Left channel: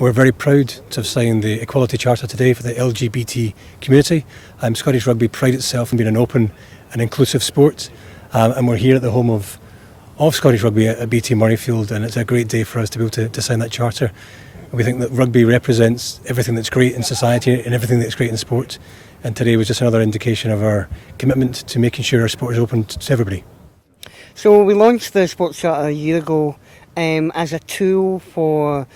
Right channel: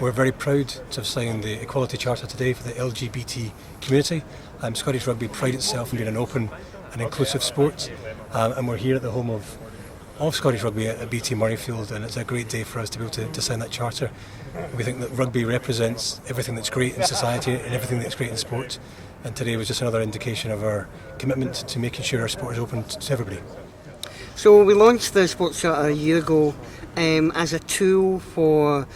We're very proud to have signed the Equality Charter today for the LGBT community. Scottish Rugby prides itself in being an open and inclusive sport, and we're here at the home of Scottish Rugby at BT Murrayfield, and it's a great day for us to be able to sign that charter. We think that rugby represents everything that's great in society and everything that's great in sport, and today was just another indication of our commitment to making sure our sport is open to everybody. So we launched the Sports Charter a year ago as a tool for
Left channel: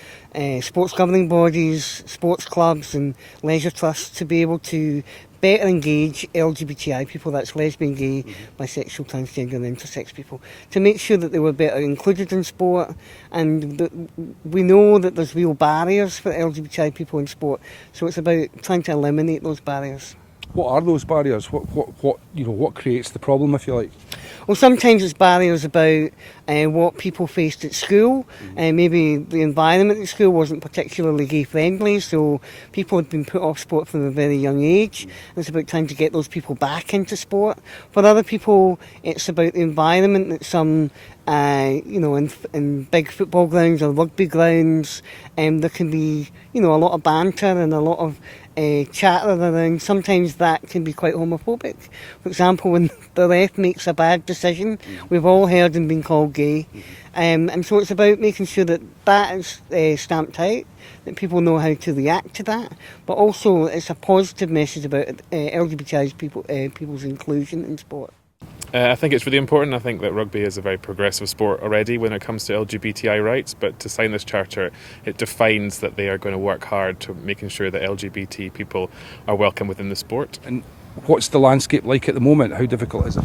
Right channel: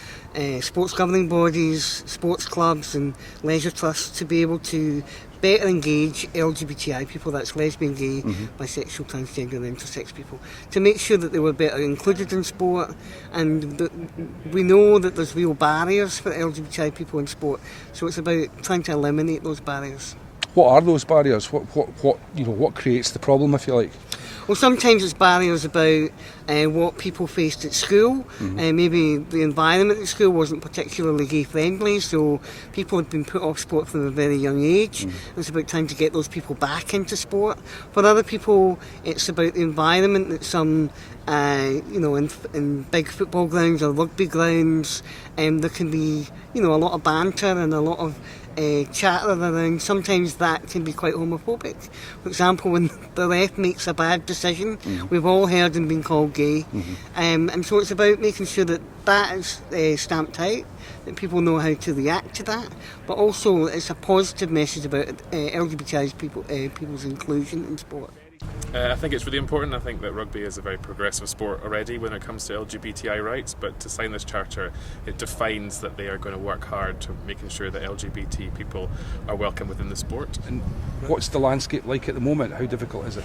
sports governing bodies, sports clubs and leisure trusts to be able to better engage LGBTI people, that's lesbian, gay, bisexual, transgender and intersex people, to make sure that they were better included in sport. And we know that there's real barriers for LGBTI people in sport, so it's about trying to eliminate those barriers. What are those barriers? What creates the problem, if you like? Well, sometimes it's barriers about what people faced at school. Maybe the environment at school wasn't particularly gay friendly, so people had been put off sport from a very young age. It's about trying to get those people back into sport. For other people, it's about the environment that some, in big football grounds or rugby grounds, there can be, a lot of banter and a lot of chatter around. Sometimes that can be quite homophobic. For example, when the ref makes a bad decision, we've all heard him being called gay, and so it's about making sure that is stamped out, that people know how to react to that, but also it's a positive message about LGBTI people's inclusion in sport. I think it's really important. I think that rugby is a very progressive sport already when it comes to LGBTI rights, but to sign this charter, it defines that they are going to work hard to making sure that LGBT people are welcome within the sport. And what's the landscape like at the moment? How difficult is it?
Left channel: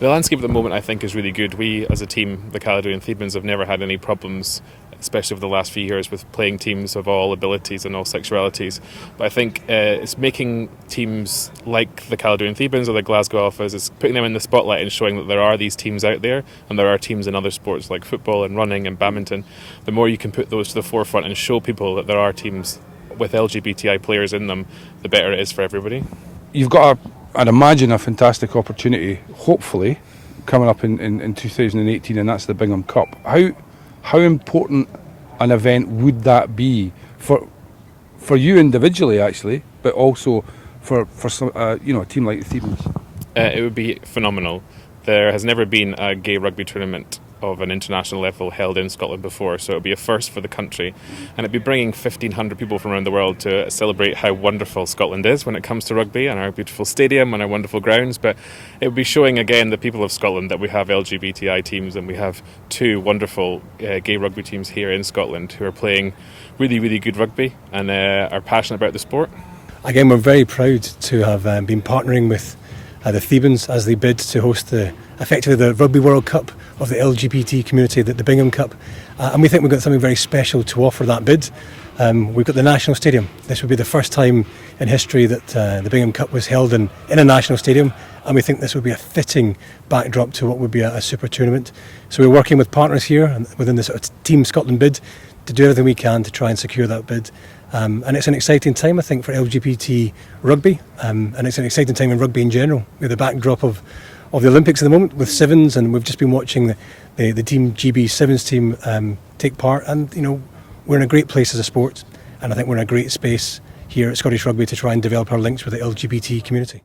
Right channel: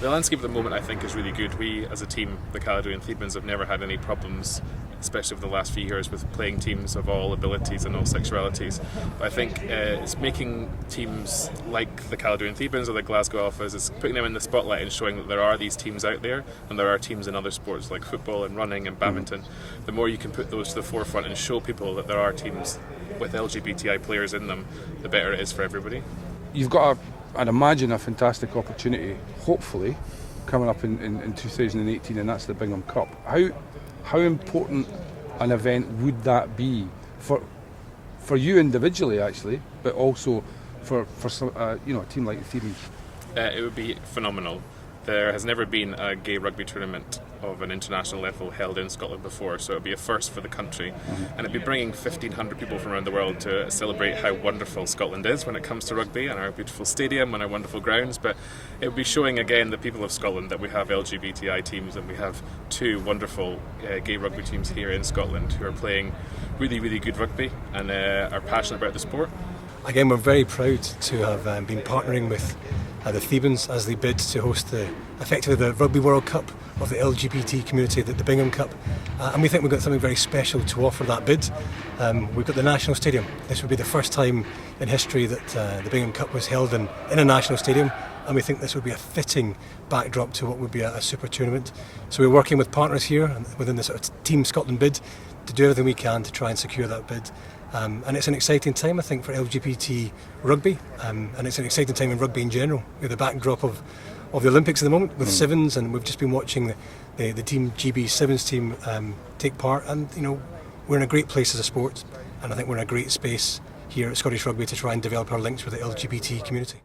The landscape at the moment, I think, is really good. We, as a team, the Caledonian Thebans, have never had any problems, especially over the last few years, with playing teams of all abilities and all sexualities. But I think it's making teams like the Caledonian Thebans or the Glasgow Alphas, it's putting them in the spotlight and showing that there are these teams out there, and there are teams in other sports like football and running and badminton. The more you can put those to the forefront and show people that there are teams with LGBTI players in them, the better it is for everybody. You've got I'd imagine a fantastic opportunity, hopefully, coming up in 2018, and that's the Bingham Cup. How important an event would that be for you individually, actually, but also for a team like the Thebans? It would be phenomenal. There has never been a gay rugby tournament of an international level held in Scotland before, so it would be a first for the country, and it'd be bringing 1,500 people from around the world to celebrate how wonderful Scotland is when it comes to rugby, and our beautiful stadium and our wonderful grounds. But it would be showing again the people of Scotland that we have LGBTI teams, and we have two wonderful gay rugby teams here in Scotland who are playing really, really good rugby and are passionate about the sport. Again, we're very proud to have been partnering with the Thebans as they bid to host effectively the Rugby World Cup of the LGBT community, the Bingham Cup, and we think we've got something very special to offer that bid. We've got the National Stadium. This would be the first time in history that the Bingham Cup was held in a national stadium, and we think this would be a fitting backdrop to what would be a super tournament. So we're working with partners here and within the sort of Team Scotland bid to do everything we can to try and secure that bid. And it's an exciting time, I think, for LGBT rugby, and it's an exciting time in rugby in general, with the backdrop of the Olympics at the moment with sevens, and we've just been watching the Team GB Sevens team take part, and we're in a great place as a sport, and I think we're in a great space here at Scottish Rugby to try and develop our links with the LGBT community.